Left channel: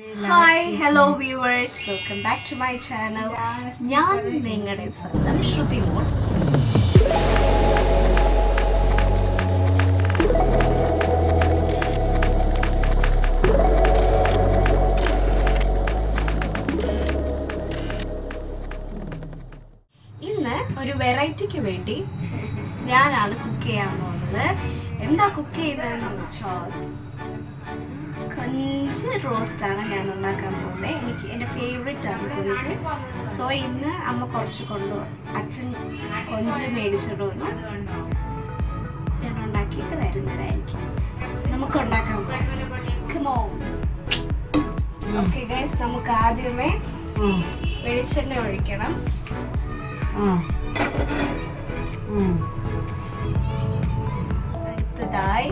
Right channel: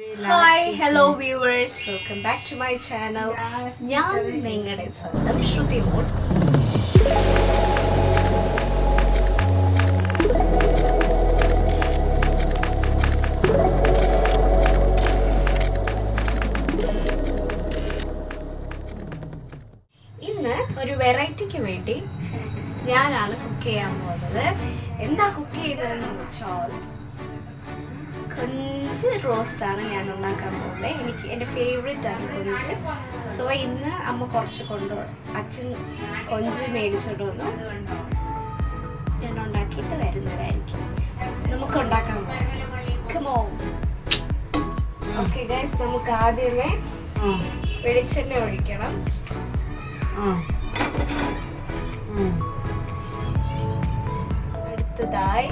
Hi hello viewers, welcome back to my channel. ഞാൻ നിങ്ങളുടെ സ്വന്തം ശ്രുതി മോൾ. ഇന്ന് ഒരു വെറൈറ്റിക്ക് വേണ്ടി ഞാനാണ് കുക്ക് ചെയ്യാൻ പോകുന്നത്. എന്താ കുക്ക് ചെയ്യുന്നതെന്ന് വെച്ചാൽ കൊഞ്ച് റോസ്റ്റാണ് ഞാൻ ഉണ്ടാക്കാൻ പോകുന്നത്. എൻ്റെ ഫേവറേറ്റ് ആണ് കൊഞ്ച്. സോ ഇന്ന് അമ്മ കുറച്ച് അച്ഛൻ കൊഞ്ച് മേടിച്ചിട്ട് വന്നു. ഞാൻ ഉണ്ടാക്കിയിട്ട് വരുന്നതായിരിക്കും. നമുക്ക് ഉണ്ടാക്കാൻ പോകാം. ഓക്കെ ഗൈസ്, നമുക്ക് ആദ്യമേ വെളിച്ചെണ്ണ ഒഴിക്കണം. അടുത്തതായി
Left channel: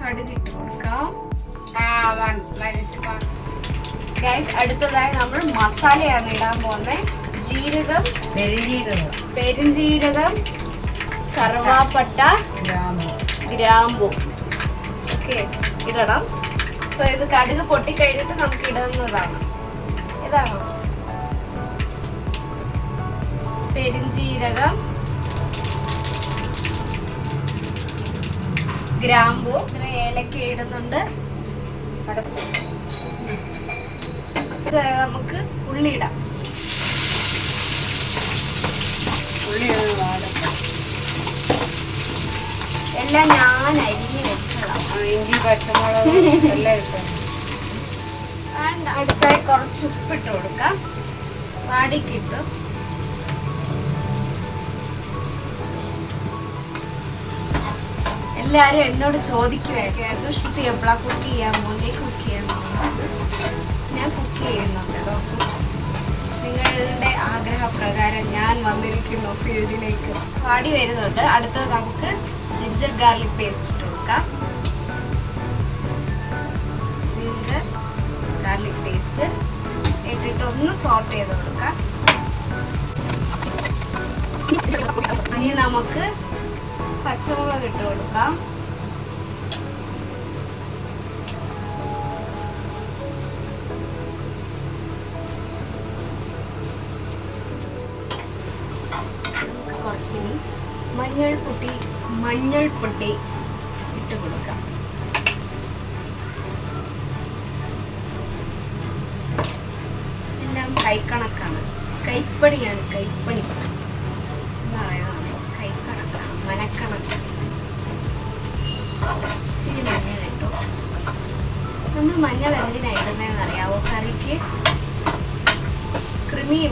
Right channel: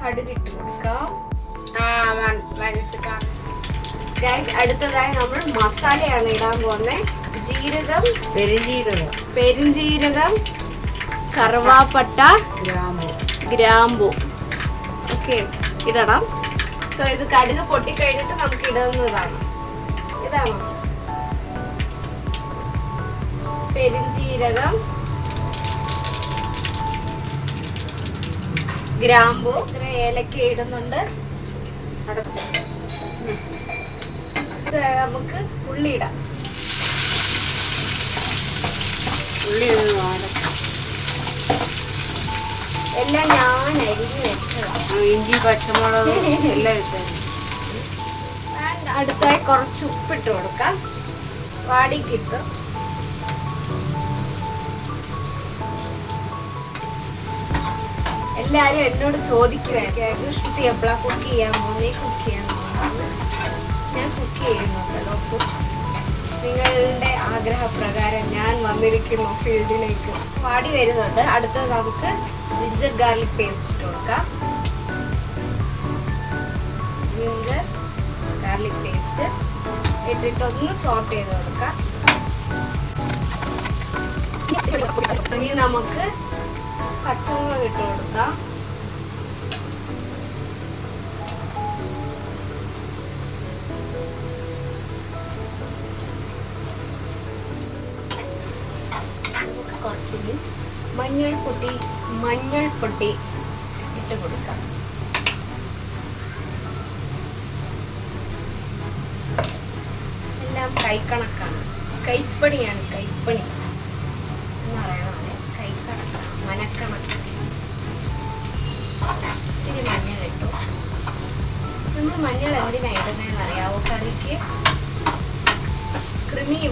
കടുകിട്ട് കൊടുക്കാം. ഗൈസ്, അടുത്തതായി നമ്മൾ മസാലയാണ് ഇടാൻ പോകുന്നത്. ജീരകം, പെരുംജീരകം, കറുവാപ്പട്ട, ഗ്രാമ്പു ഓക്കെ ഇടണം. സോ ഇത് കടുക് പൊട്ടിക്കഴിഞ്ഞിട്ട് നമുക്ക് ഇടുന്നതാണ്. ഇതാണ് പെരുംജീരകം, ഗ്രാമ്പു, ഏലക്ക ഇടുന്നുണ്ട്. നമുക്ക് ഉള്ളി ഇടാം. എല്ലാം ഞാൻ അരിഞ്ഞ് വെച്ചതാണ്. ഇഞ്ചി പച്ചമുളക് എല്ലാം ഇട്ടു. അടുത്തായി കുറച്ച് ഉപ്പിട്ട് കൊടുക്കാം. വാടിക്കിട്ട് എല്ലാരും എന്നോട് ചോദിക്കുവായിരുന്നു, ശ്രുതി എപ്പോഴാ കുക്ക് ചെയ്യാൻ പോകുന്നത്, കുക്ക് ചെയ്യാൻ പോകുന്നത്. ഞാൻ കുക്ക് ചെയ്യുന്നുണ്ട് കേട്ടോ. നിങ്ങളുടെ ആഗ്രഹപ്രകാരം ഞാൻ വന്നിരിക്കുന്നു ഫീൽഡിലേക്ക്. വാടി വരുന്നുണ്ട്. അടുത്തത് നമുക്ക് ജിഞ്ചർ ഗാർലിക് പേസ്റ്റ് ഇട്ട് കൊടുക്കാം. ജിഞ്ചർ ഗാർലിക് പേസ്റ്റ് ഇട്ടിട്ട് ഒന്ന് സോട്ട് ചെയ്ത് കൊടുക്കാം. ഇനി നമുക്ക് പച്ചമുളക് ഇട്ട് കൊടുക്കാം. കുറച്ചിനി മഞ്ഞൾപ്പൊടി ഇട്ട് കൊടുക്കാം. എല്ലാം കൈക്കണക്കാണ്. കൈപ്പണിയാണ്, കൈപ്പണി എന്ന് പറയുന്നത്. കൈക്കണക്കാണ്, മനക്കണക്ക്. ഇച്ചിരി മഞ്ഞൾ ഇട്ടു. നമ്മൾ മഞ്ഞൾ എന്തിനാ ഇടുന്നതെന്ന് അറിയാവോ? കറിക്ക്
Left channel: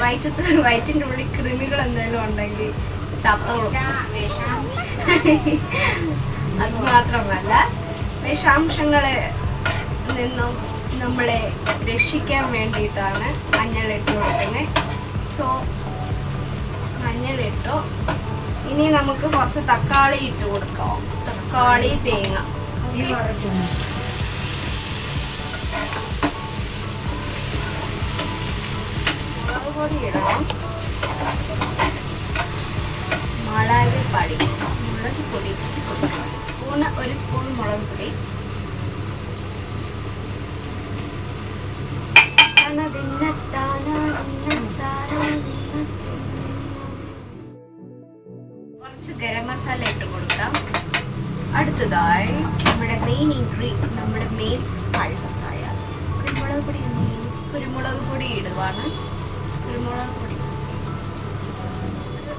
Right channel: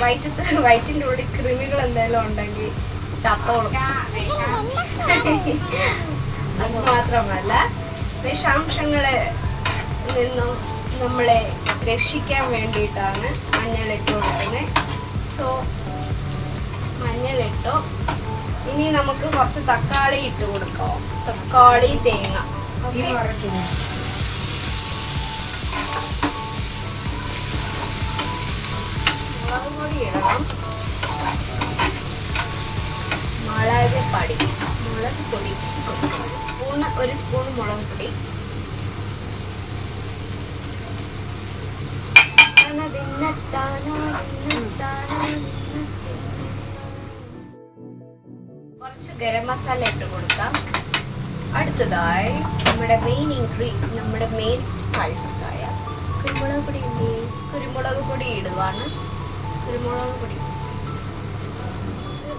വയറ്റിൻ്റെ ഉള്ളിൽ കൃമികൾ എന്തെങ്കിലും ഉണ്ടെങ്കിൽ ചത്തോളും. അത് മാത്രമല്ല, വിഷാംശങ്ങളെ നിന്നും നമ്മളെ രക്ഷിക്കാൻ വേണ്ടിയിട്ടാണ് മഞ്ഞൾ ഇട്ട് കൊടുക്കുന്നത്. സോ മഞ്ഞളിട്ടു. ഇനി നമുക്ക് കുറച്ച് തക്കാളി ഇട്ട് കൊടുക്കാം. തക്കാളി, തേങ്ങ. മുളക് പൊടി ഇടണം. മുളക് പൊടി ഒരു സ്പൂൺ മുളക് പൊടി. കുറച്ച് ഗരം മസാല ഇട്ട് കൊടുക്കാം. അടുത്തതായി നമ്മുടെ മെയിൻ സ്പൈസസ് ആയ കുരുമുളക് പൊടി ഇടുവാണ്. കുരുമുളക് പൊടി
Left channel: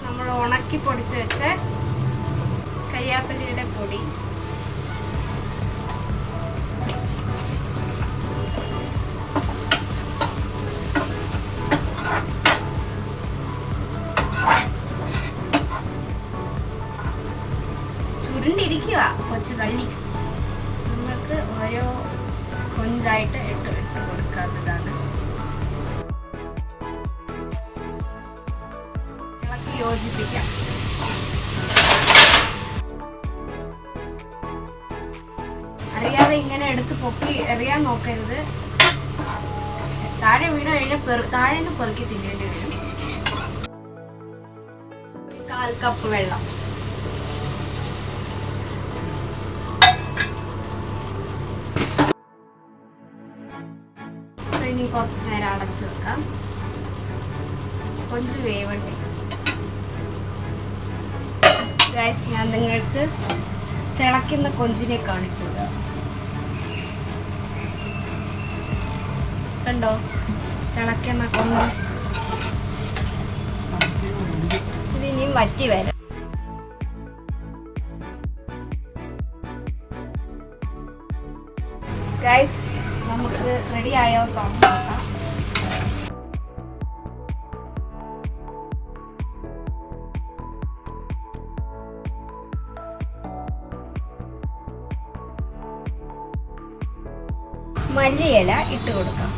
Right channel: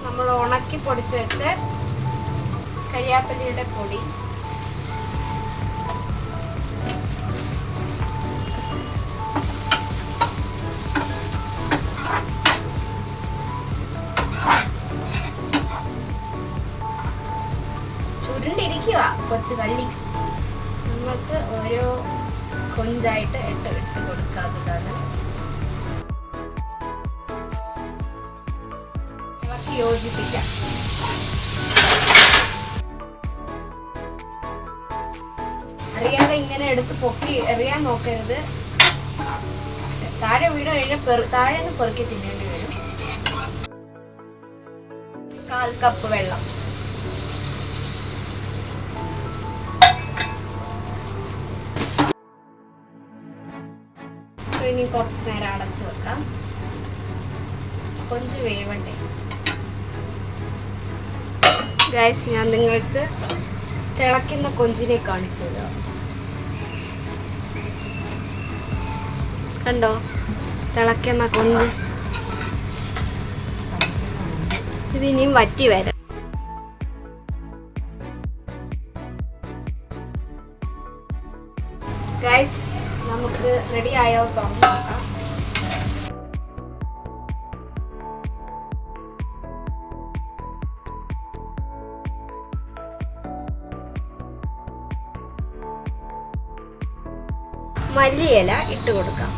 നമ്മൾ ഉണക്കി പൊടിച്ച് വെച്ച കരിയാപ്പിലയുടെ പൊടി. ചുരുണ്ടിരിക്കുക കൊച്ചു കള്ളി. നമ്മൾക്ക് ഓരോ കൊഞ്ചായിട്ട് ഇട്ട് കൊടുക്കാവുന്നതാണ്. യോജിപ്പിക്കാം. അറിയാതെ ഇങ്ങനെ എടുത്ത് പൊക്കി എറിയാൻ നോക്കരുത്. താഴെ വീണ് കഴിഞ്ഞാൽ താഴെ നിന്ന് പെറുക്കി തിന്നേണ്ടി വരും. 1/4 കപ്പ് വെള്ളം. കുറച്ച് നേരം അടച്ചു വെക്കാം. കൊഞ്ച് വേവണ്ടേ ഗൈസ്. ഞാൻ നിങ്ങൾക്ക് തിളയ്ക്കുന്ന കൊഞ്ചിനെ കാണിച്ചു തരാം. കണ്ടോ തിളയ്ക്കുന്ന കൊഞ്ച്. ഇതിനിയും വറ്റി വരാം. ഗൈസ് നമുക്ക് റെഡി ആയോ നോക്കാം. മല്ലിയില ഇട്ട് കൊടുക്കാം.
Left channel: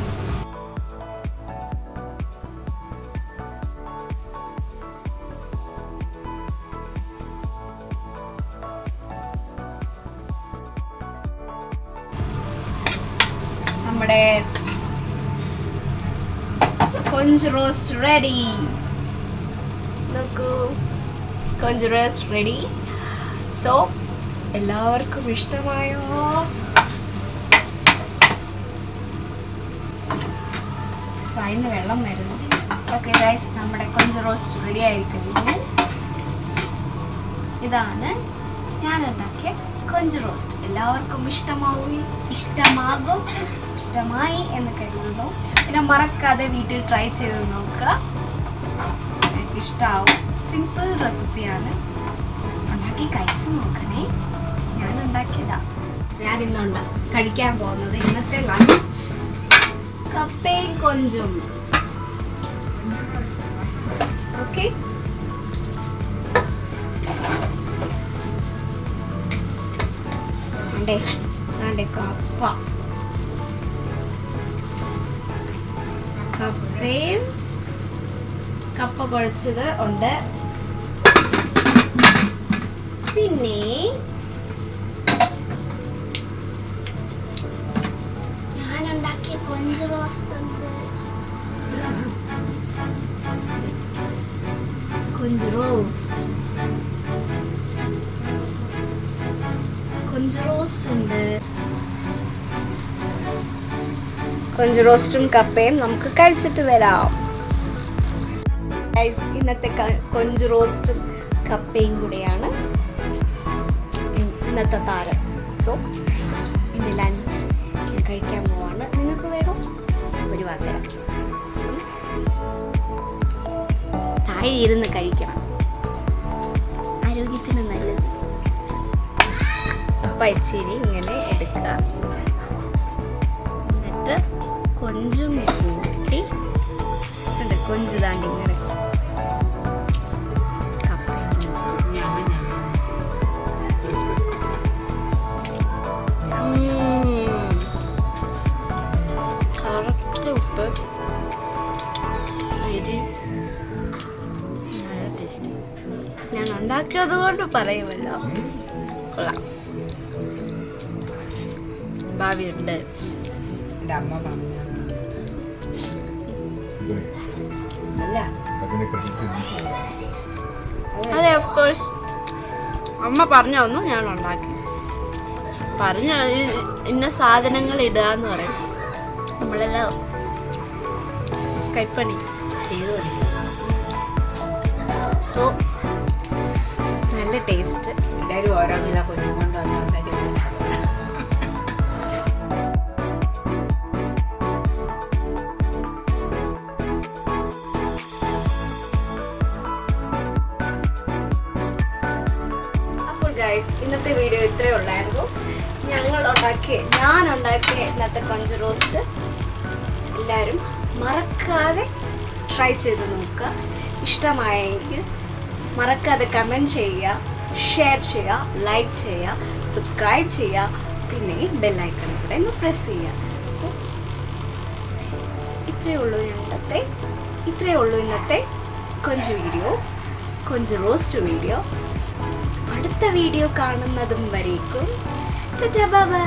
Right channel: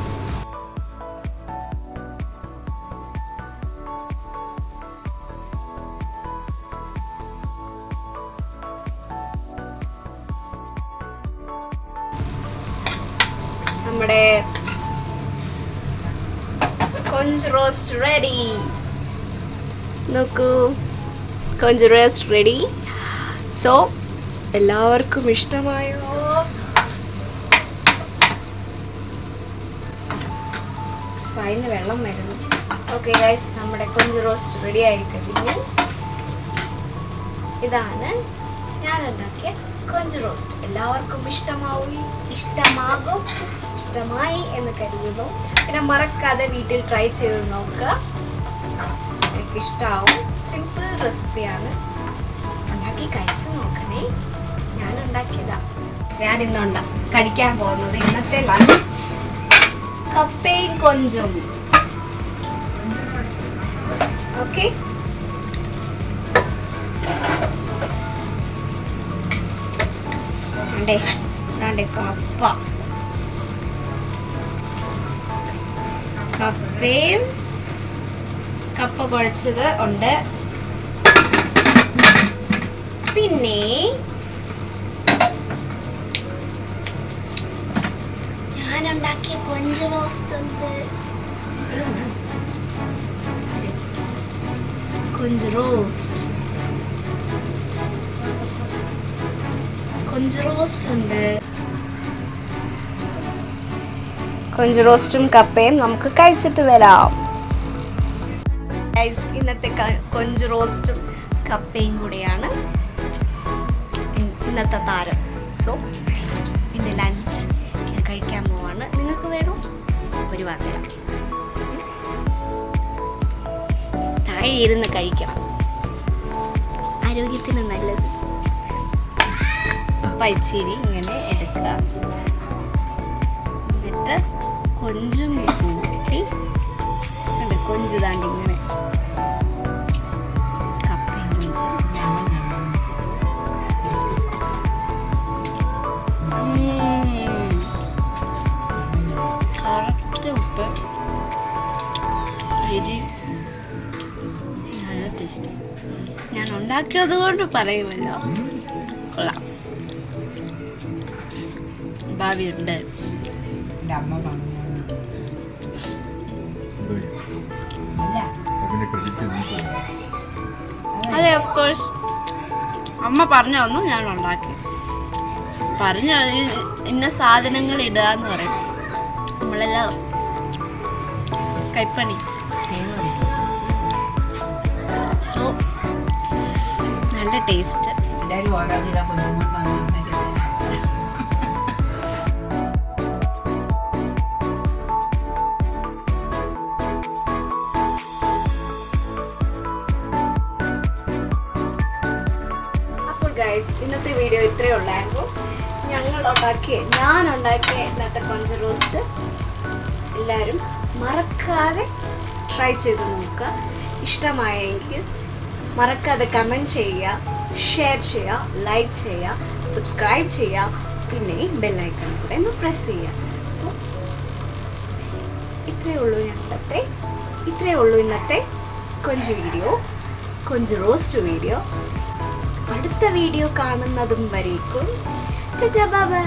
നമ്മുടെ കൊഞ്ച് റോസ്റ്റ് റെഡി. നോക്കൂ, കൊഞ്ച് റോസ്റ്റ് റെഡി. സോ എല്ലാവർക്കും ഇഷ്ടമായോ? അതിന് വെള്ളം വരുന്നു. ഓക്കെ ഗൈസ്, നമ്മുടെ കൊഞ്ച് റോസ്റ്റ് റെഡി ആയിരിക്കുന്നു. ഇതാണ് ഞാൻ ഉണ്ടാക്കിയ കൊഞ്ച് റോസ്റ്റ്. എല്ലാവർക്കും ഇഷ്ടമായി എന്ന് കരുതുന്നു. പിന്നെ മറക്കാതെ വീട്ടിൽ ട്രൈ ചെയ്ത് നോക്കുക. എനിക്ക് ഇഷ്ടമാവും. സിമ്പിൾ റെസിപ്പിയാണ്. ഉണ്ടാക്കി കഴിച്ചു നോക്കണേ. ഞാൻ ഉണ്ടാക്കിയതാ. ഞാൻ ഇന്ന് കഴിക്കാൻ പോകുന്നത് ഇന്നത്തെ ലഞ്ച് കപ്പയും കൊഞ്ചും. ഓക്കെ, കപ്പയും കപ്പ കുഴച്ചത് ഉണ്ട്. പിന്നെ ഞാനുണ്ടാക്കിയ കൊഞ്ച് റോസ്റ്റ് ഉണ്ട്. കൊഞ്ച് റോസ്റ്റ് ഉണ്ട്. കൊഞ്ച് റോസ്റ്റും കപ്പയും നമുക്ക് കഴിച്ചിട്ട് വരാം. ഇന്നത്തെ കൊഞ്ച് റോസ്റ്റും കപ്പയും കൂടെയാണ് ഇന്നത്തെ താരം. സോ എൻ്റെ ലഞ്ച് ഞാൻ കഴിക്കാൻ പോവാണ്. നിങ്ങൾക്ക് വേണോ? ഒരു വാക്കരാം. താഴെ ഇരുന്ന് കഴിക്കണം, ആരോഗ്യത്തിന് നല്ലത്. പച്ചിരി ഇങ്ങനെ എടുക്കുക. എന്നിട്ട് കൊഞ്ചും കൂട്ടി കൊഞ്ചു താണ്ടി ഇങ്ങനെ കപ്പയും കൊഞ്ചും. കറക്റ്റ് ഉപ്പ്, എരി, നല്ല ടേസ്റ്റ്. ഞാൻ ഉണ്ടാക്കിയത് കൊണ്ട് പറയുമല്ലോ, കൊള്ളാം. ഭാവിയുണ്ട്. അതെ, ഓഫ് കോഴ്സ്. അമ്മ പറഞ്ഞു തന്നു, ഞാൻ ഉണ്ടാക്കി. പറഞ്ഞു ഇന്ന സാധനങ്ങൾ ഇടുക എന്ന് പറയും. നമ്മളെല്ലാം കൈപ്പണി. സോ നല്ല ടേസ്റ്റ്. എല്ലാവരും ഓരോ കിലോ കുഞ്ഞുങ്ങളുണ്ടോ? ഗൈസ്, ഇന്നത്തെ വീഡിയോ ഇത്രയേ ഉള്ളായിരുന്നു. ഞാൻ ഉണ്ടാക്കിയ ഇന്നത്തെ കൊഞ്ച് റോസ്റ്റ് എല്ലാവരും മറക്കാതെ ട്രൈ ചെയ്ത് നോക്കുക. ഇഷ്ടമായെങ്കിൽ മറക്കാതെ കമൻറ്റ് ചെയ്യുക, ഷെയർ ചെയ്യുക, ലൈക്ക് ചെയ്യുക, സബ്സ്ക്രൈബ് ചെയ്യുക. പിന്നെ ബെല്ലൈക്കൺ കൂടെ ഒന്ന് പ്രസ് ചെയ്യുക. സോ ഇത്രയേ ഉള്ളൂ ഇന്നത്തെ കൊഞ്ച് റോസ്റ്റ് വീഡിയോ. അടുത്ത വീഡിയോ കാണുന്നതും വരേക്കും ബൈ.